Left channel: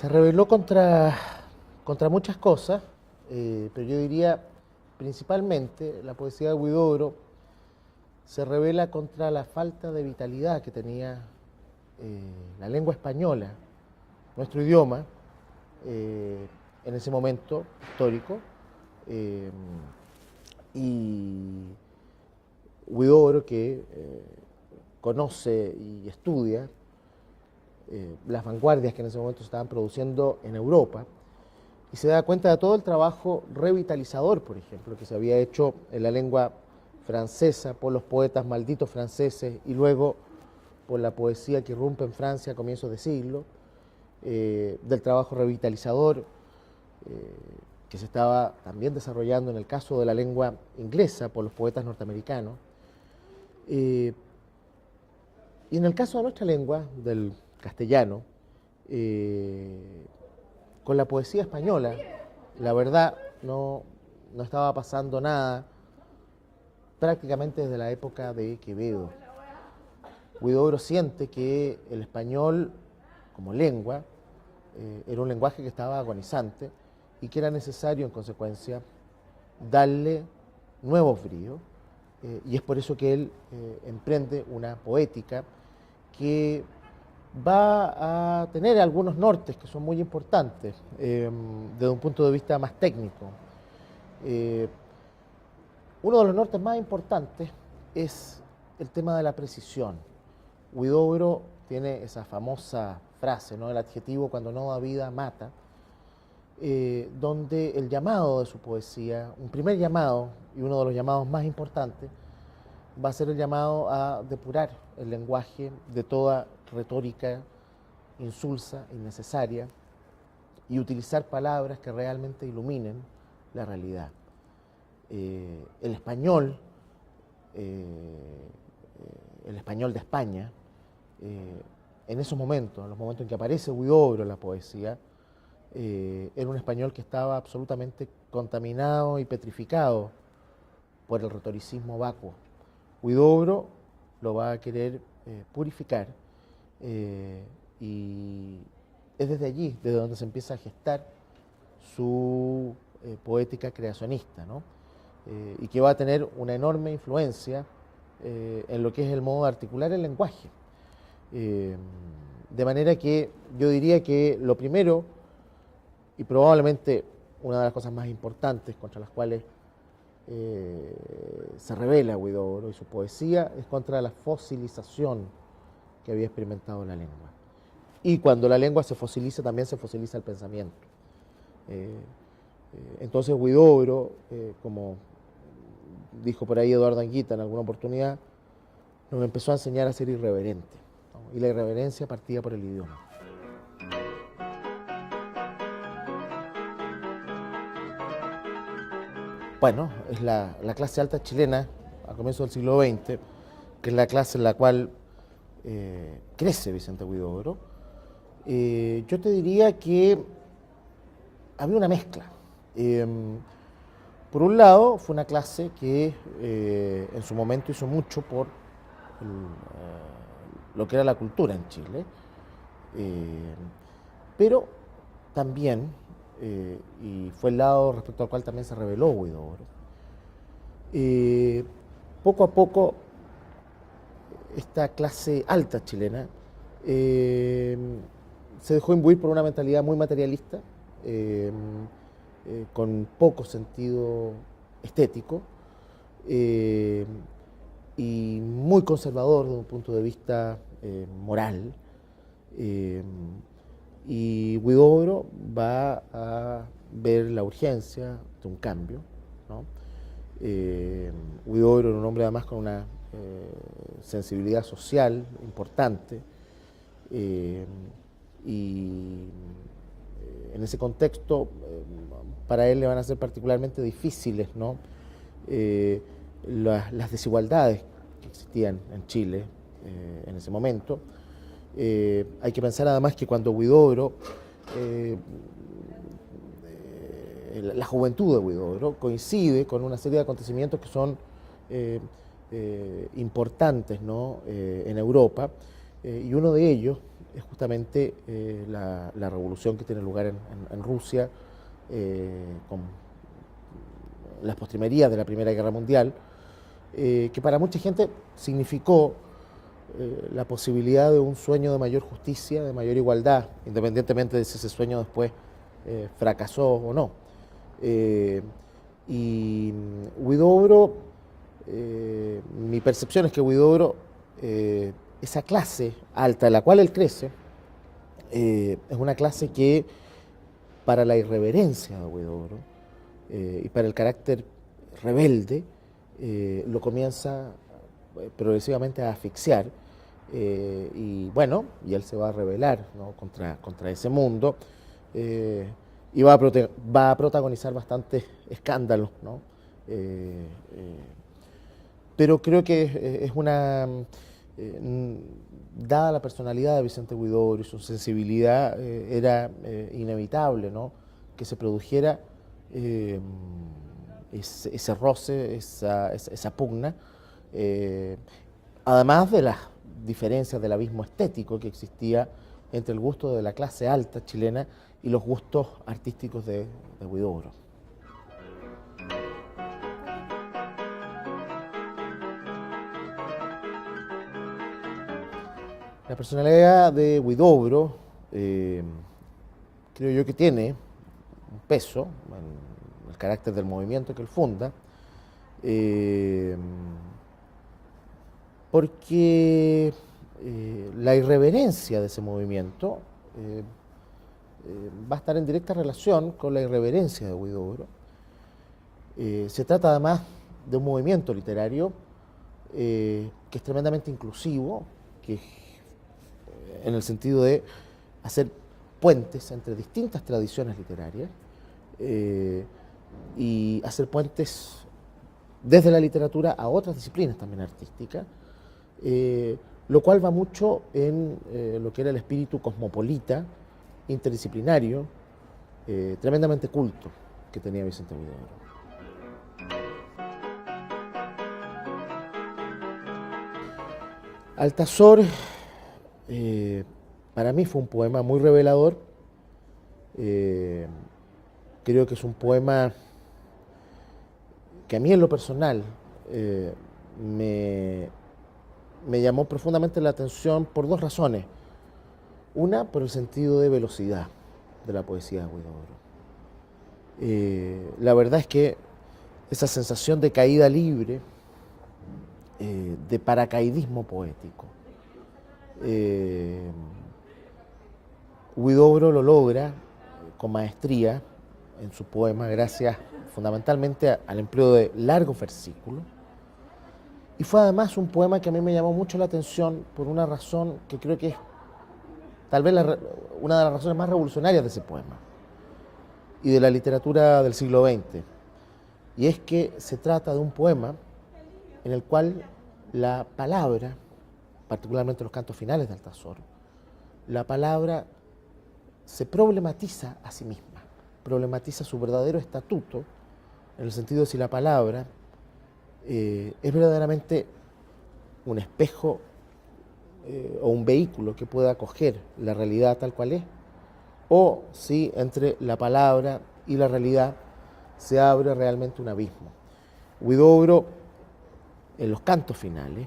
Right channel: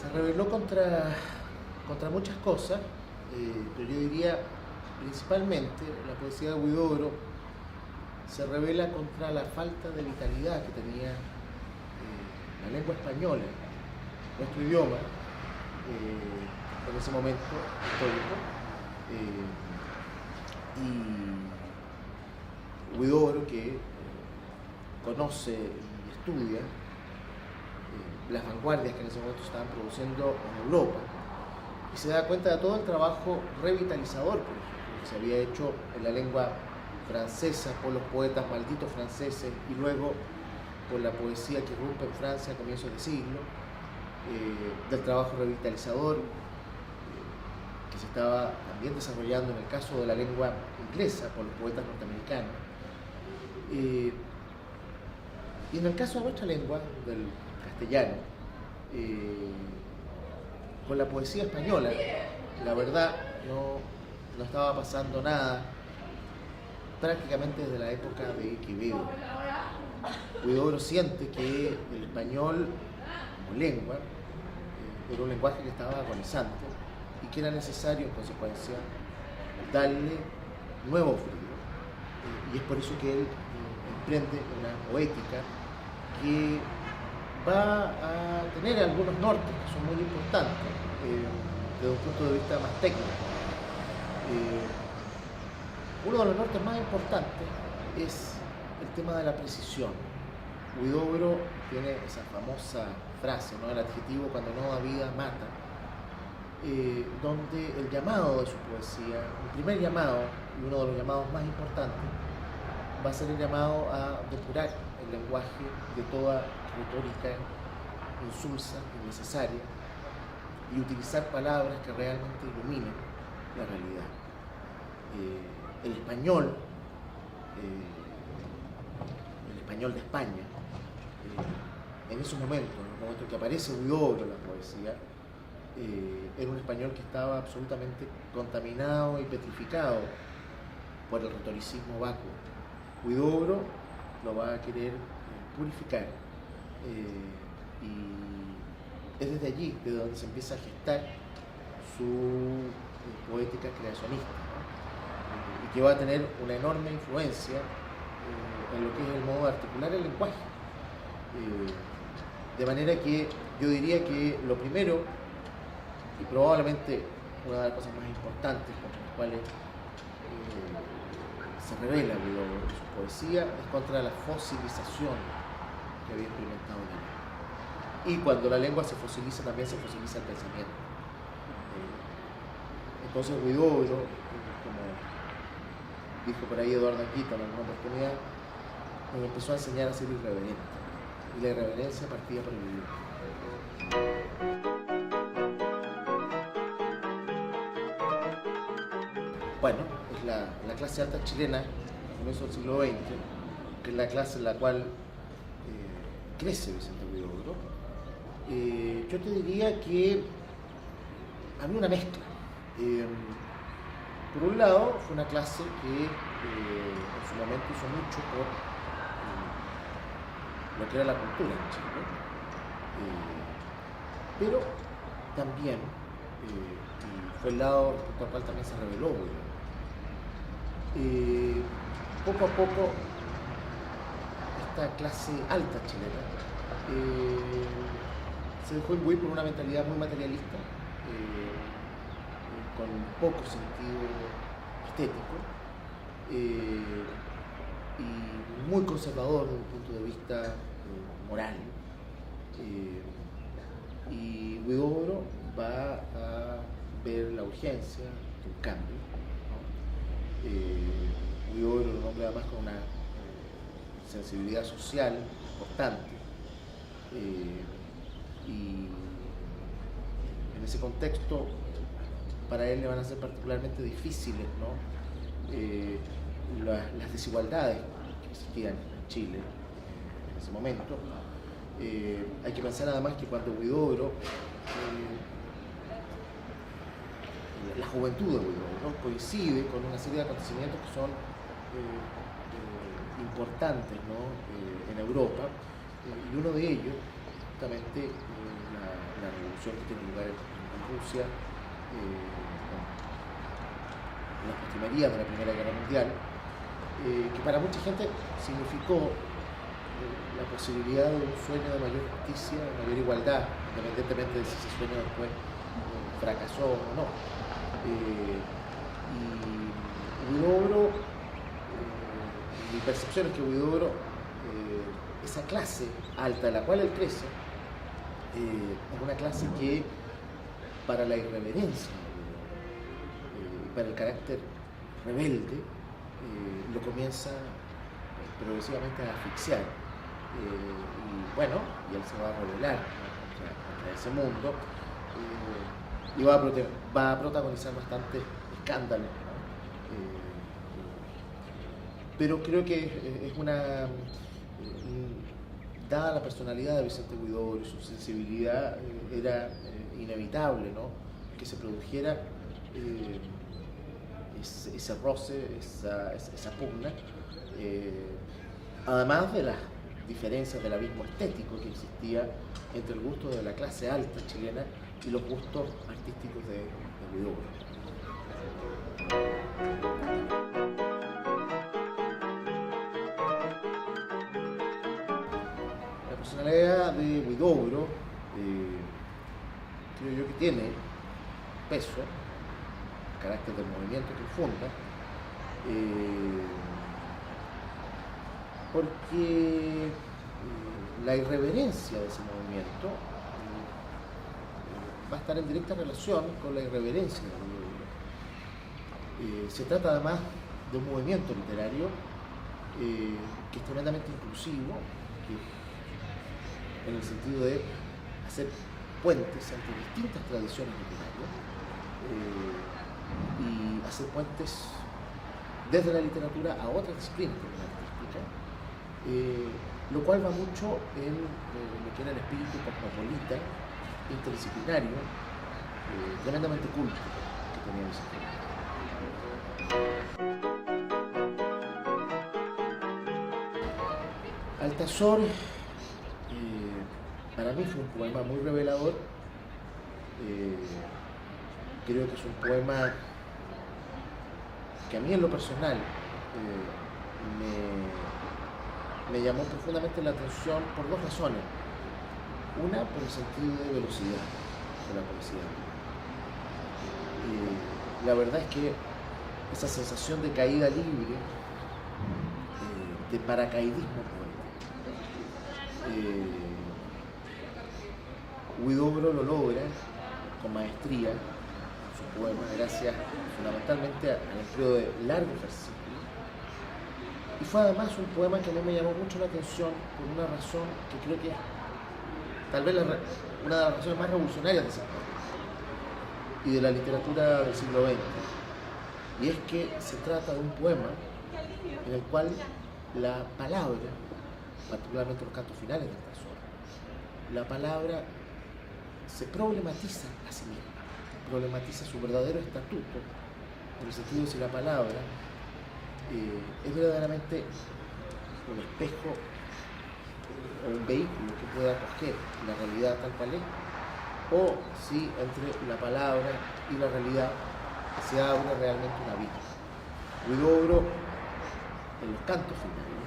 Se rebeló contra muchas cosas, pero yo diría principalmente la poesía de Huidobro se revela contra la falta de vitalidad que tenía la lengua española, nuestro idioma, en ese momento histórico. eh, y Huidobro, que conoce y estudia las vanguardias que en ese momento estaban produciendo en Europa, y se da cuenta de todo el trabajo revitalizador, por ejemplo, que se había hecho en la lengua francesa por los poetas malditos franceses y luego por la poesía que irrumpe en Francia a comienzos de siglo, del trabajo revitalizador que se estaba también desarrollando en el caso de la lengua inglesa por los poetas norteamericanos. Eh, y en el caso de nuestra lengua, del castellano, eh, con la poesía española, la verdad no estaba pasando nada prácticamente desde la época de Quevedo. Huidobro siente que el español como lengua era un lenguaje que estaba agonizante y que era necesario en consecuencia darle nuevo brío, y es por eso que él emprende una poética que va a tener algunos nortes que son muy importantes desde un punto de vista más técnico. Eh, Uno de los nortes más importantes es el tema de la precisión. Huidobro tiene esa famosa frase, ¿no? El adjetivo cuando no da vida mata, donde el llamado de su poesía, el primer llamado y uno de los llamados más importantes, va a ser el llamado a depurar el lenguaje de toda retórica insulsa, innecesaria, y utilizar palabras que realmente iluminen la realidad. El español, el español de España, en esos momentos, en los momentos en que aparece Huidobro en la poesía, era un español que estaba absolutamente contaminado y petrificado por el retoricismo vacuo. Huidobro lo va a querer purificar, y es desde allí, desde donde se empieza a gestar su poética creacionista, ¿no? Y que va a tener una enorme influencia en lo que es el modo de articular el lenguaje. Eh, de manera que yo diría que lo primero, y probablemente una de las cosas más importantes contra las cuales se revela Huidobro en su poesía, es contra la fosilización que había experimentado la lengua. Y cuando la lengua se fosiliza, también se fosiliza el pensamiento. Entonces Huidobro, como dijo por ahí Eduardo Anguita en alguna oportunidad, nos empezó a enseñar a ser irreverente. Y la irreverencia partía por el idioma. Bueno, es la clase alta chilena a comienzos del siglo XX, que es la clase en la cual crece Vicente Huidobro. Yo te diría que había una mezcla. Eh, por un lado, fue una clase que en su momento hizo mucho por lo que era la cultura en Chile, pero también, y fue el lado respecto al cual también se reveló Huidobro, poco a poco esta clase alta chilena eh, se dejó imbuir por una mentalidad muy materialista, con poco sentido estético, eh, y muy conservador desde un punto de vista moral. eh, y Huidobro va a ver la urgencia de un cambio, ¿no? Huidobro era un hombre además con una sensibilidad social importante, eh, y en ese contexto para él le van a ser particularmente difíciles, ¿no? Las desigualdades que existían en Chile en ese momento. Hay que pensar además que cuando Huidobro, la juventud de Huidobro, coincide con una serie de acontecimientos que son importantes, ¿no? En Europa, y uno de ellos justamente la revolución que tiene lugar en Rusia, con las postrimerías de la Primera Guerra Mundial, que para mucha gente significó la posibilidad de un sueño de mayor justicia, de mayor igualdad, independientemente de si ese sueño después fracasó o no. Y Huidobro, mi percepción es que Huidobro, esa clase alta en la cual él crece, es una clase que para la irreverencia de Huidobro y para el carácter rebelde, lo comienza progresivamente a asfixiar. Y él se va a rebelar, ¿no?, contra ese mundo, y va a protagonizar bastantes escándalos, ¿no? Pero creo que es dada la personalidad de Vicente Huidobro y su sensibilidad, era inevitable, ¿no?, que se produjera ese roce, esa pugna, además de las diferencias del abismo estético que existía entre el gusto de la clase alta chilena y los gustos artísticos de Huidobro. La personalidad de Huidobro, creo yo que tiene un peso en el carácter del movimiento que él funda, porque la irreverencia de ese movimiento va a estar en directa relación con la irreverencia de Huidobro. Se trata además de un movimiento literario que es tremendamente inclusivo, que en el sentido de hacer puentes entre distintas tradiciones literarias y hacer puentes desde la literatura a otras disciplinas también artísticas, lo cual va mucho en lo que era el espíritu cosmopolita, interdisciplinario, tremendamente culto que tenía Vicente Huidobro. Altazor, para mí fue un poema muy revelador. Creo que es un poema que a mí en lo personal me llamó profundamente la atención por dos razones. Una, por el sentido de velocidad de la poesía de Huidobro. La verdad es que esa sensación de caída libre, de paracaidismo poético, Huidobro lo logra con maestría en su poema gracias fundamentalmente al empleo de largos versículos, y fue además un poema que a mí me llamó mucho la atención por una razón que creo que es tal vez una de las razones más revolucionarias de ese poema y de la literatura del siglo XX, y es que se trata de un poema en el cual la palabra, particularmente los cantos finales del Altazor, la palabra se problematiza a sí misma, problematiza su verdadero estatuto, en el sentido de si la palabra es verdaderamente un espejo o un vehículo que pueda acoger la realidad tal cual es, o si entre la palabra y la realidad se abre realmente un abismo. Huidobro, en los cantos finales,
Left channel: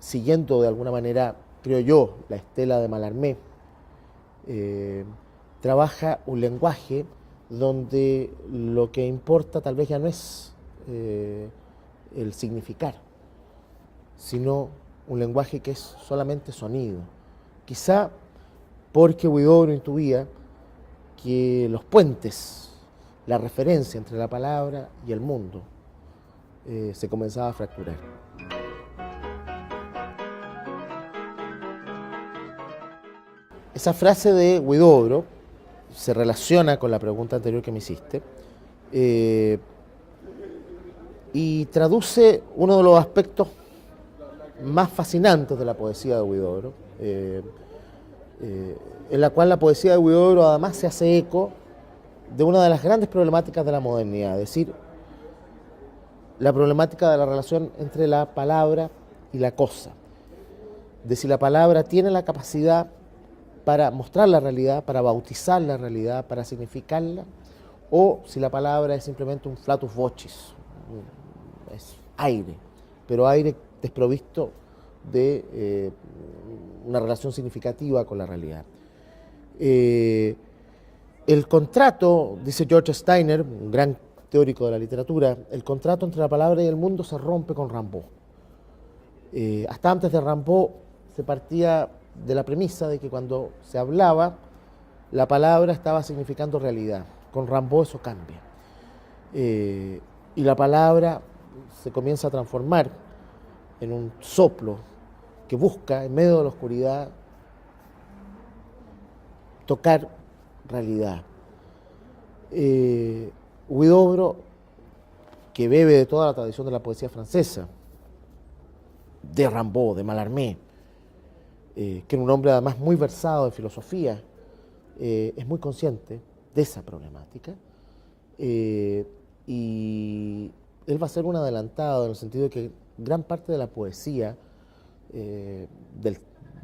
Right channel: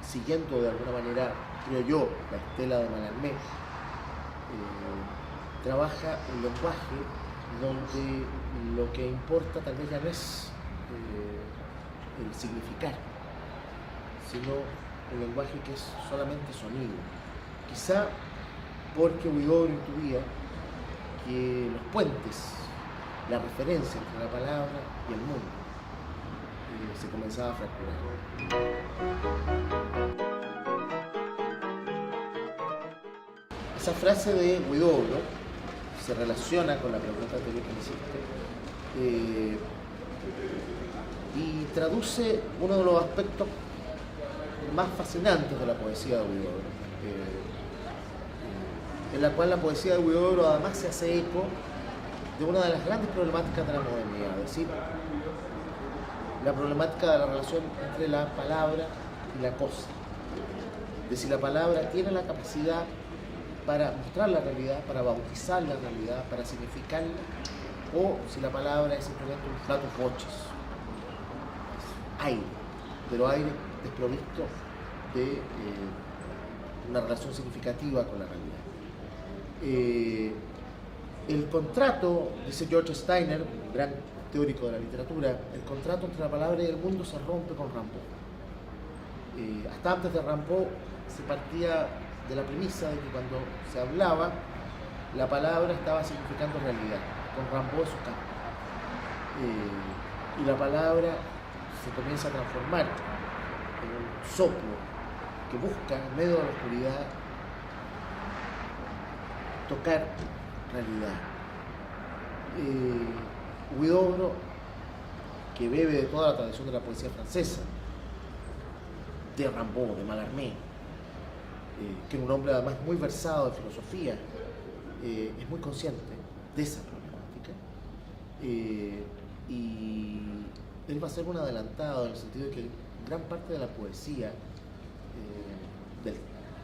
siguiendo de alguna manera, creo yo, la estela de Mallarmé, trabaja un lenguaje donde lo que importa tal vez ya no es el significar, sino un lenguaje que es solamente sonido. Quizá porque Huidobro intuía que los puentes, la referencia entre la palabra y el mundo, se comenzaba a fracturar. Esa frase de Huidobro se relaciona con la pregunta anterior que me hiciste y traduce uno de los aspectos más fascinantes de la poesía de Huidobro, en la cual la poesía de Huidobro además se hace eco de una de las grandes problemáticas de la modernidad, es decir, la problemática de la relación entre la palabra y la cosa. de si la palabra tiene la capacidad para mostrar la realidad, para bautizar la realidad, para significarla, o si la palabra es simplemente un flatus vocis, es aire, pero aire desprovisto de una relación significativa con la realidad. El contrato, dice George Steiner, un gran teórico de la literatura, el contrato entre la palabra y el mundo se rompe con Rimbaud. Hasta antes de Rimbaud se partía de la premisa de que cuando se hablaba, la palabra estaba significando realidad. Con Rimbaud eso cambia. Y la palabra se comienza a transformar en un soplo que busca, en medio de la oscuridad, tocar realidad. Huidobro, que bebe de toda la tradición de la poesía francesa, de Rimbaud, de Mallarmé, que era un hombre además muy versado en filosofía, es muy consciente de esa problemática, y él va a ser un adelantado en el sentido de que gran parte de la poesía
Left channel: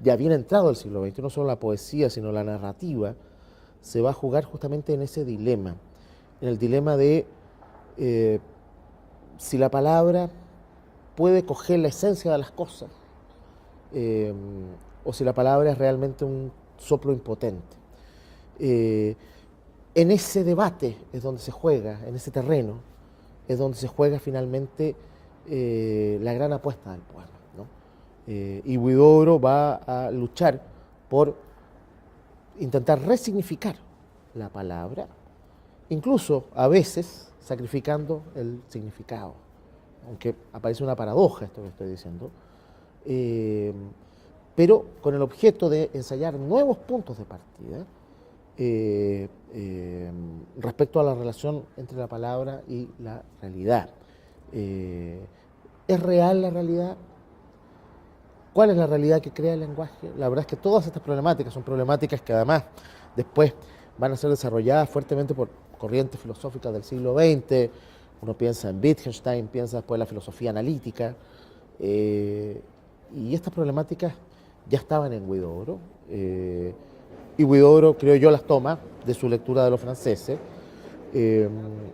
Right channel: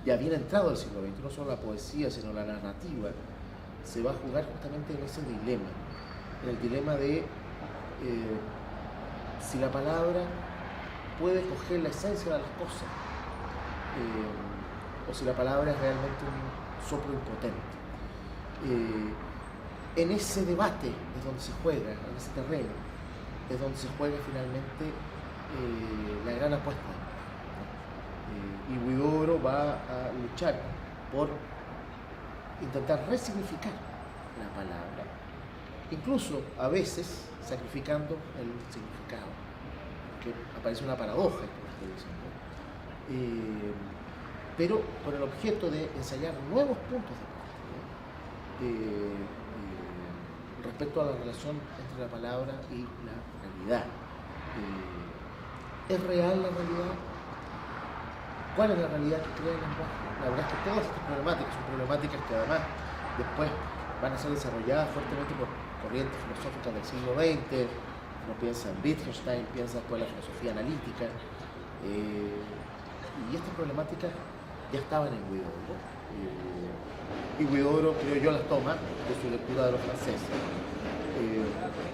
ya bien entrado el siglo XX, no solo la poesía, sino la narrativa, se va a jugar justamente en ese dilema, en el dilema de si la palabra puede coger la esencia de las cosas, o si la palabra es realmente un soplo impotente. En ese debate es donde se juega, en ese terreno, es donde se juega finalmente la gran apuesta del poema, ¿no? Y Huidobro va a luchar por intentar resignificar la palabra, incluso a veces sacrificando el significado, aunque aparece una paradoja esto que estoy diciendo, pero con el objeto de ensayar nuevos puntos de partida respecto a la relación entre la palabra y la realidad. ¿Es real la realidad? ¿Cuál es la realidad que crea el lenguaje? La verdad es que todas estas problemáticas son problemáticas que además después van a ser desarrolladas fuertemente por corrientes filosóficas del siglo XX. Uno piensa en Wittgenstein, piensa después en la filosofía analítica, y estas problemáticas ya estaban en Huidobro, y Huidobro, creo yo, las toma de su lectura de los franceses,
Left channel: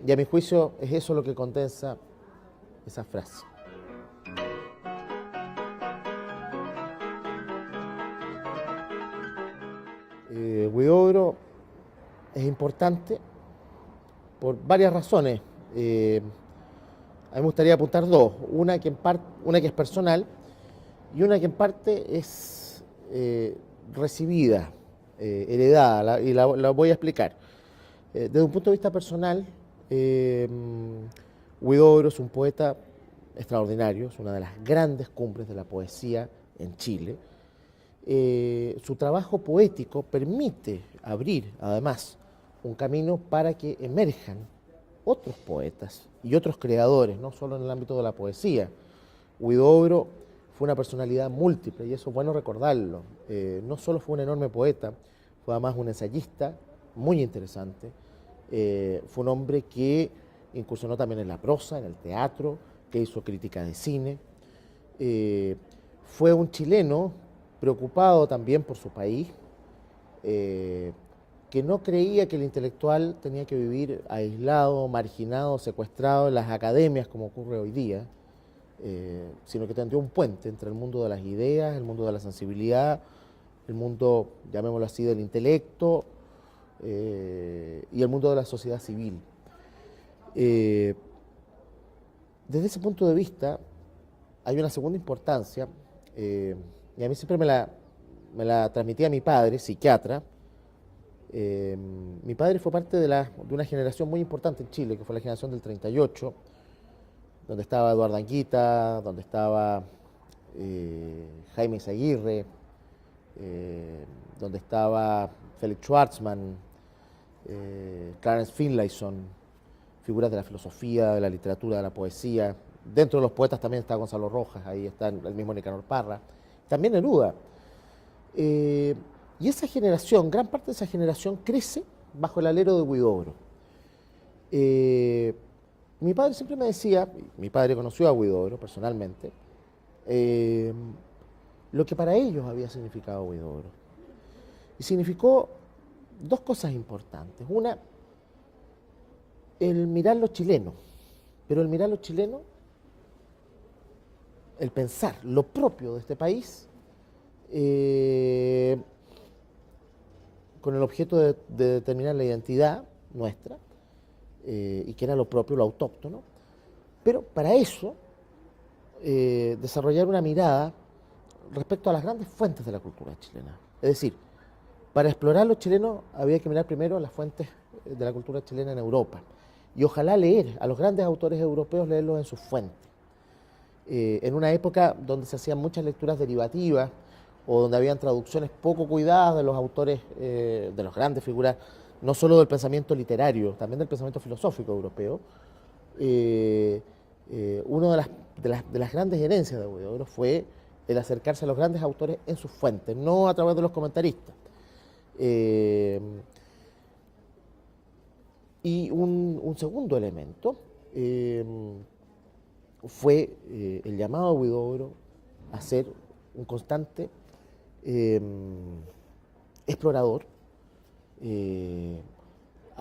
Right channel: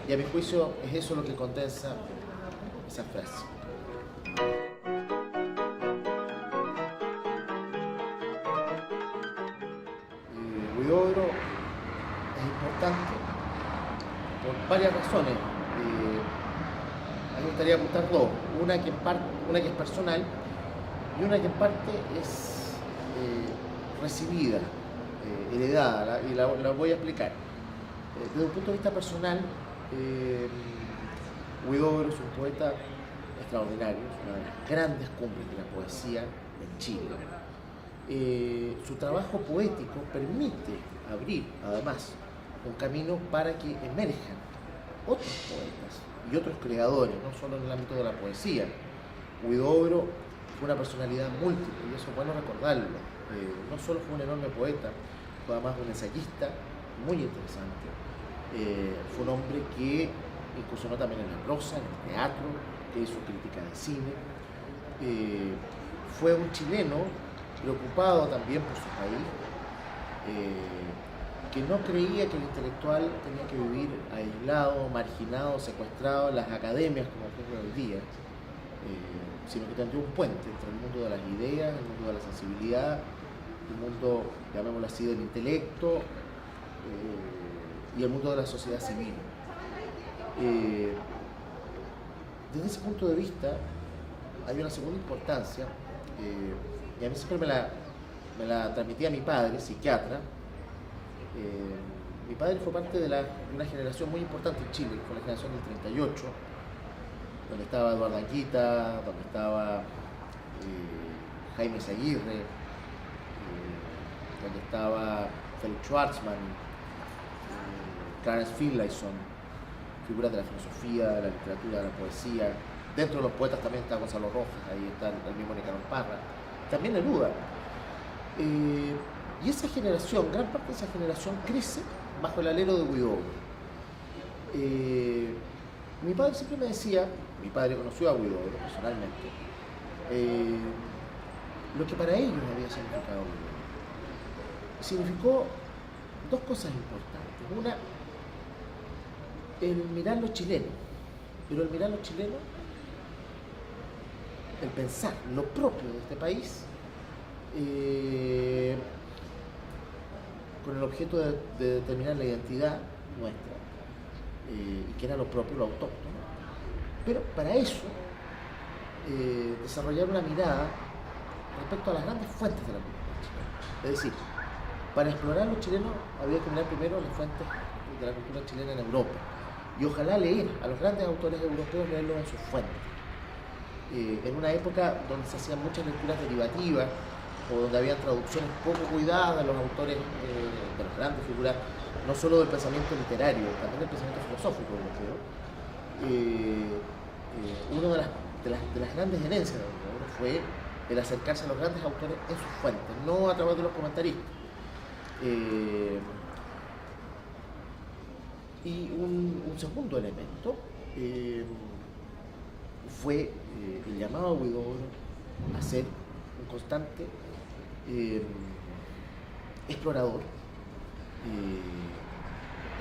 y a mi juicio es eso lo que condensa esa frase. Huidobro es importante por varias razones. A mí me gustaría apuntar dos, una que es personal y una que en parte es recibida, heredada, y la voy a explicar. Desde un punto de vista personal, Huidobro es un poeta extraordinario, es una de las grandes cumbres de la poesía en Chile. Su trabajo poético permite abrir, además, un camino para que emerjan otros poetas y otros creadores, no solo en el ámbito de la poesía. Huidobro fue una personalidad múltiple y eso es bueno recordarlo. No solo fue un enorme poeta, fue además un ensayista muy interesante. Fue un hombre que incursionó también en la prosa, en el teatro, que hizo crítica de cine. Fue un chileno preocupado también por su país, que no creía que el intelectual tenía que vivir aislado, marginado, secuestrado en las academias como ocurre hoy día, sino que tendría un puente entre el mundo de las ideas, el mundo de la sensibilidad, el mundo, llamémoslo así, del intelecto, y el mundo de la sociedad civil. Desde ese punto de vista hay una segunda importancia, y a mí siempre me la transmitía mi padre, psiquiatra. Mi padre fue parte de una generación muy importante en Chile, que fue la generación del 38, donde estaba Eduardo Anguita, donde estaba Jaime Izaguirre, donde estaba Felix Schwartzman, Clarence Finlayson, figuras de la filosofía, de la literatura, de la poesía. Dentro de los poetas también está Gonzalo Rojas, ahí está el mismo Nicanor Parra, también Neruda. Y esa generación, gran parte de esa generación crece bajo el alero de Huidobro. Mi padre siempre me decía, mi padre conoció a Huidobro personalmente, lo que para ellos había significado Huidobro. Y significó dos cosas importantes. Una, el mirar lo chileno, pero el mirar lo chileno, el pensar lo propio de este país, con el objeto de determinar la identidad nuestra, y que era lo propio, lo autóctono, pero para eso desarrollar una mirada respecto a las grandes fuentes de la cultura chilena. Es decir, para explorar lo chileno había que mirar primero las fuentes de la cultura chilena en Europa y ojalá leer a los grandes autores europeos, leerlos en sus fuentes. En una época donde se hacían muchas lecturas derivativas o donde habían traducciones poco cuidadas de los autores, de las grandes figuras, no solo del pensamiento literario, también del pensamiento filosófico europeo. Una de las grandes herencias de Huidobro fue el acercarse a los grandes autores en sus fuentes, no a través de los comentaristas. Y un segundo elemento fue el llamado a Huidobro a ser un constante explorador,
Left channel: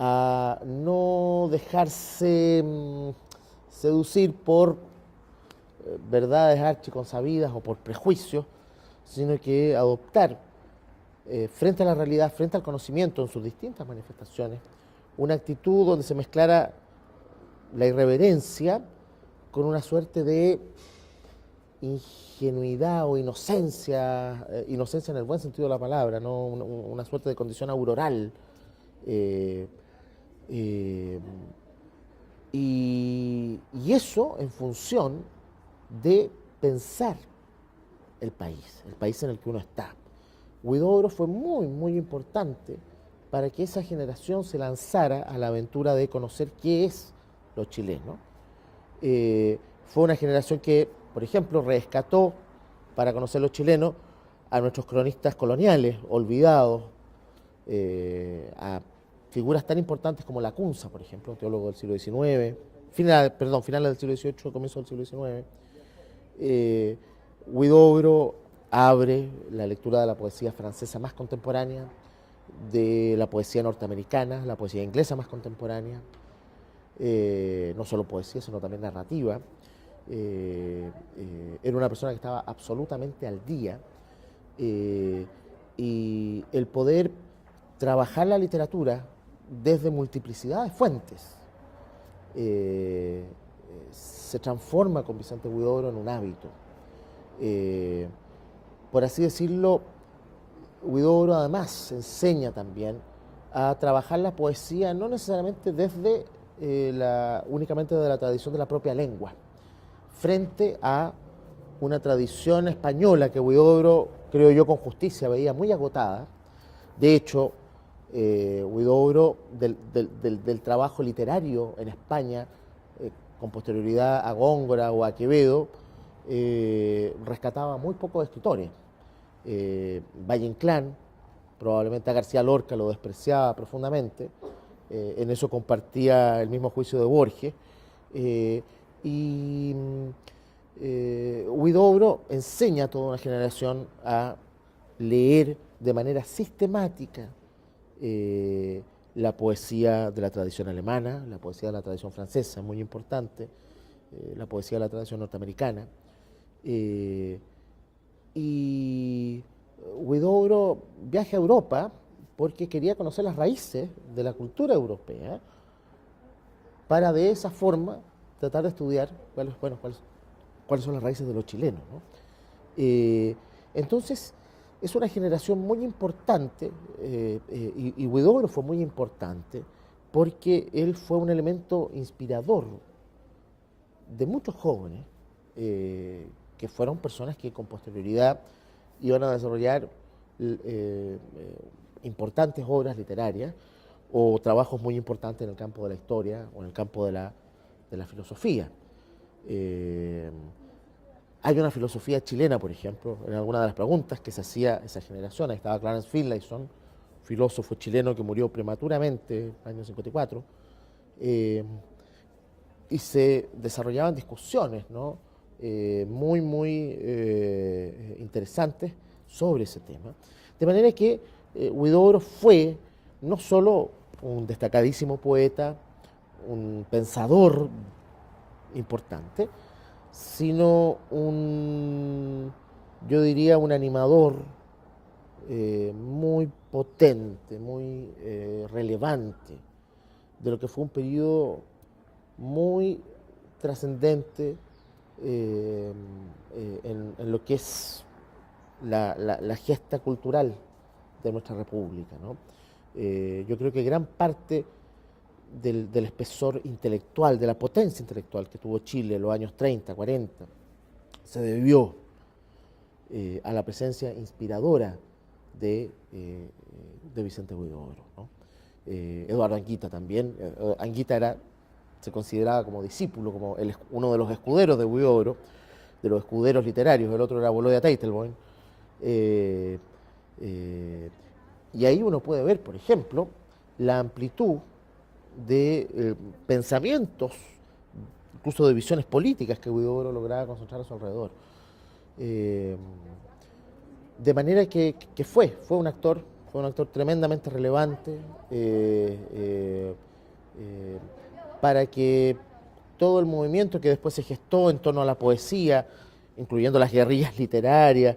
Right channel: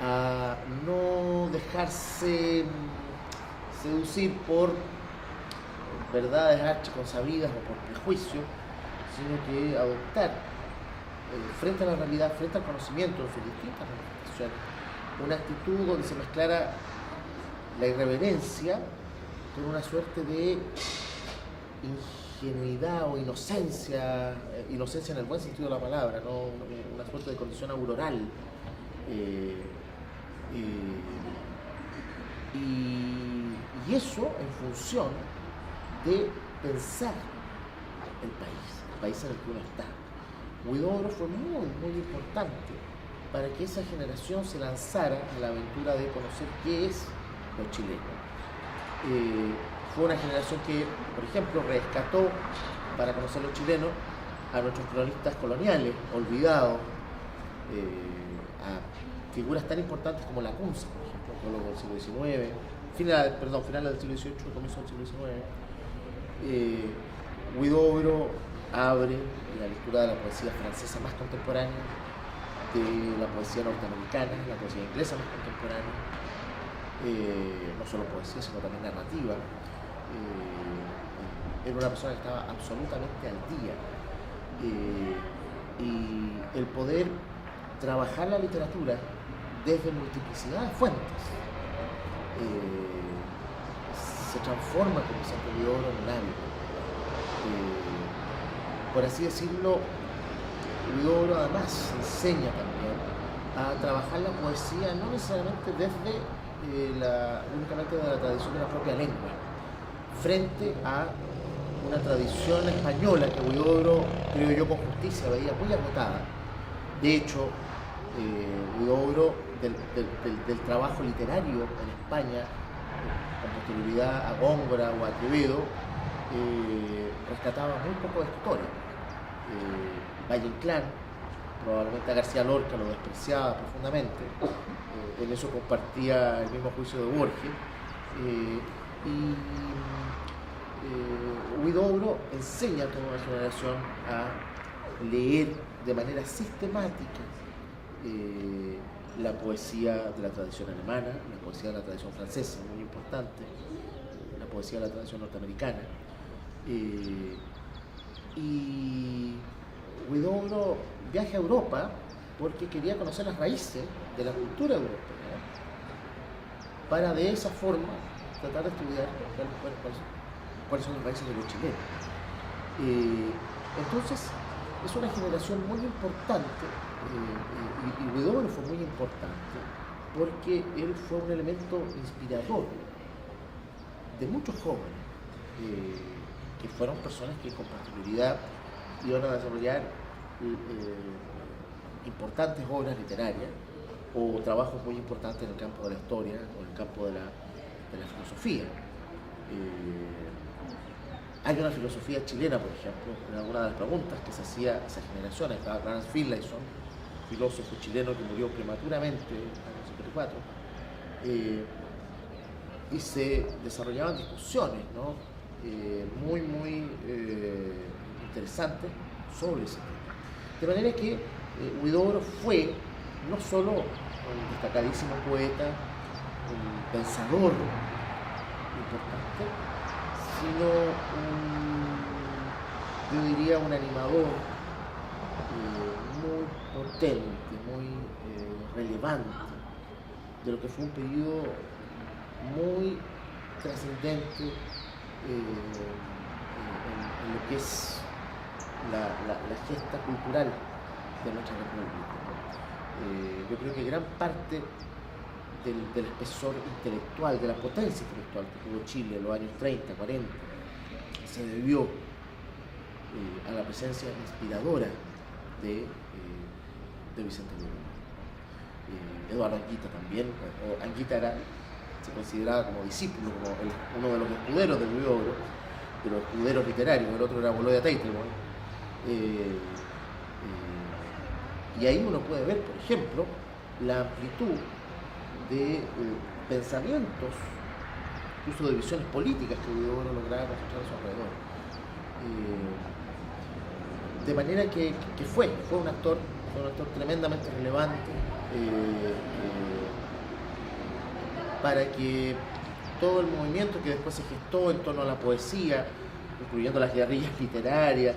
a no dejarse seducir por verdades archiconsabidas o por prejuicios, sino que adoptar frente a la realidad, frente al conocimiento en sus distintas manifestaciones, una actitud donde se mezclara la irreverencia con una suerte de ingenuidad o inocencia, inocencia en el buen sentido de la palabra, ¿no? Una suerte de condición auroral. Y eso en función de pensar el país en el que uno está. Huidobro fue muy, muy importante para que esa generación se lanzara a la aventura de conocer qué es lo chileno. Fue una generación que, por ejemplo, rescató para conocer los chilenos a nuestros cronistas coloniales, olvidados, a figuras tan importantes como Lacunza, por ejemplo, un teólogo del siglo XIX, finales del siglo XVIII, comienzo del siglo XIX. Huidobro abre la lectura de la poesía francesa más contemporánea, de la poesía norteamericana, la poesía inglesa más contemporánea, no solo poesía, sino también narrativa. Era una persona que estaba absolutamente al día, y el poder trabajar la literatura desde multiplicidad de fuentes se transforma con Vicente Huidobro en un hábito. Por así decirlo, Huidobro además enseña también a trabajar la poesía no necesariamente desde únicamente de la tradición de la propia lengua, frente a una tradición española que Huidobro, creo yo con justicia, veía muy agotada. De hecho, Huidobro del trabajo literario en España, con posterioridad a Góngora o a Quevedo, rescataba muy pocos escritores. Valle Inclán, probablemente a García Lorca lo despreciaba profundamente, en eso compartía el mismo juicio de Borges, y Huidobro enseña a toda una generación a leer de manera sistemática la poesía de la tradición alemana, la poesía de la tradición francesa, muy importante, la poesía de la tradición norteamericana. Y Huidobro viaja a Europa porque quería conocer las raíces de la cultura europea para de esa forma tratar de estudiar cuáles son las raíces de los chilenos. Entonces, es una generación muy importante, y Huidobro fue muy importante porque él fue un elemento inspirador de muchos jóvenes que fueron personas que con posterioridad iban a desarrollar importantes obras literarias o trabajos muy importantes en el campo de la historia o en el campo de la filosofía. Hay una filosofía chilena, por ejemplo, en alguna de las preguntas que se hacía a esa generación. Estaba Clarence Finlayson, filósofo chileno que murió prematuramente, año 54, y se desarrollaban discusiones, ¿no?, muy interesantes sobre ese tema. De manera que Huidobro fue no solo un destacadísimo poeta, un pensador importante, sino yo diría, un animador muy potente, muy relevante de lo que fue un periodo muy trascendente en lo que es la gesta cultural de nuestra república, ¿no? Yo creo que gran parte del espesor intelectual, de la potencia intelectual que tuvo Chile en los años 30, 40, se debió a la presencia inspiradora de Vicente Huidobro, ¿no? Eduardo Anguita también. Anguita se consideraba como discípulo, como uno de los escuderos de Huidobro, de los escuderos literarios. El otro era Bolonia Teitelbaum. Y ahí uno puede ver, por ejemplo, la amplitud de pensamientos, incluso de visiones políticas que Huidobro lograba concentrar a su alrededor. De manera que fue un actor tremendamente relevante para que todo el movimiento que después se gestó en torno a la poesía, incluyendo las guerrillas literarias,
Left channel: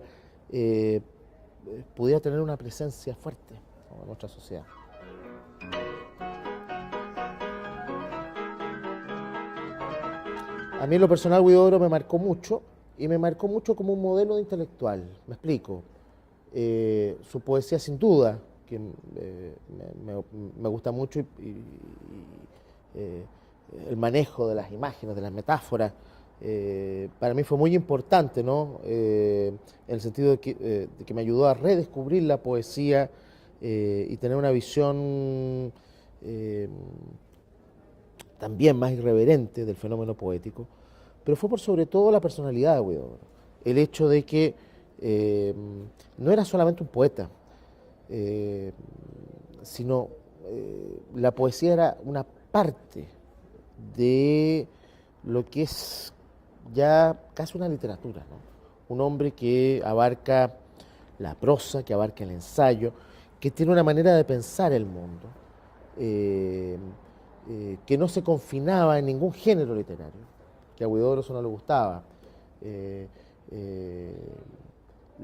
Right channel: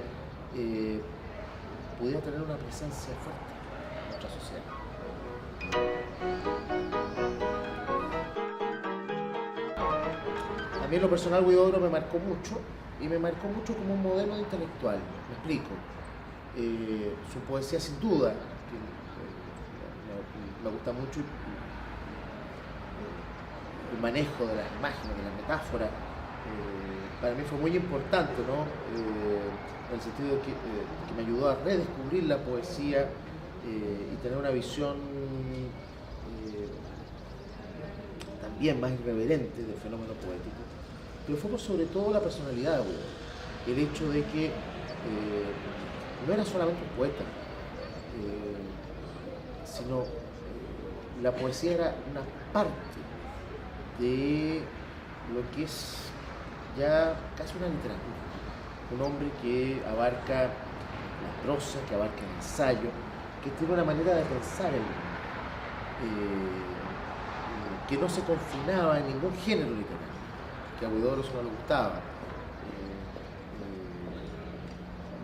pudiera tener una presencia fuerte en nuestra sociedad. A mí en lo personal Huidobro me marcó mucho, y me marcó mucho como un modelo de intelectual. Me explico. Su poesía sin duda, que me gusta mucho, el manejo de las imágenes, de las metáforas, para mí fue muy importante, ¿no? En el sentido de que me ayudó a redescubrir la poesía y tener una visión también más irreverente del fenómeno poético, pero fue por sobre todo la personalidad de Huidobro, el hecho de que no era solamente un poeta, sino la poesía era una parte de lo que es ya casi una literatura, un hombre que abarca la prosa, que abarca el ensayo, que tiene una manera de pensar el mundo, que no se confinaba en ningún género literario, que a Huidobro eso no le gustaba.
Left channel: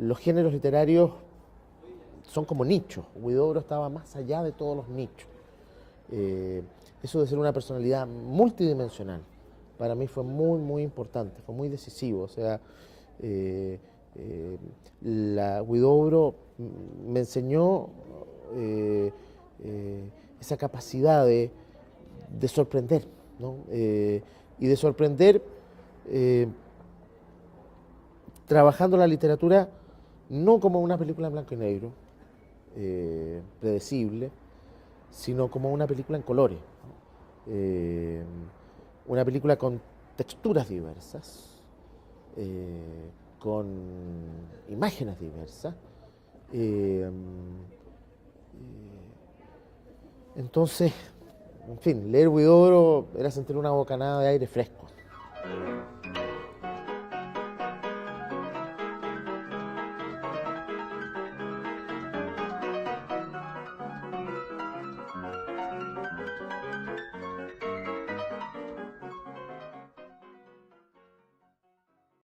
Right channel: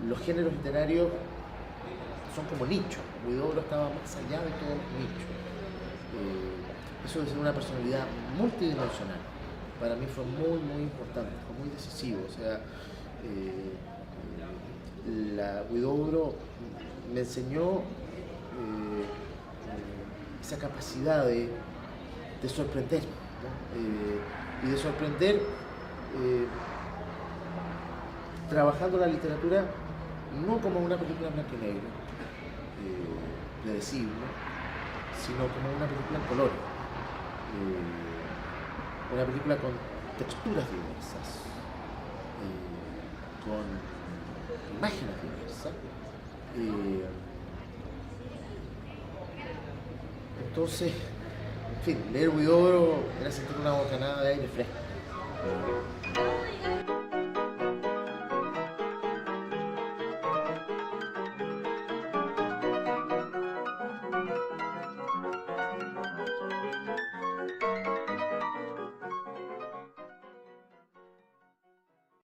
Los géneros literarios son como nichos. Huidobro estaba más allá de todos los nichos. Eso de ser una personalidad multidimensional para mí fue muy importante, fue muy decisivo. O sea, Huidobro me enseñó esa capacidad de sorprender, ¿no? Y de sorprender trabajando la literatura no como una película blanco y negro, predecible, sino como una película en color, una película con texturas diversas, con imágenes diversas. Entonces, en fin, leer Huidobro era sentir una bocanada de aire fresco.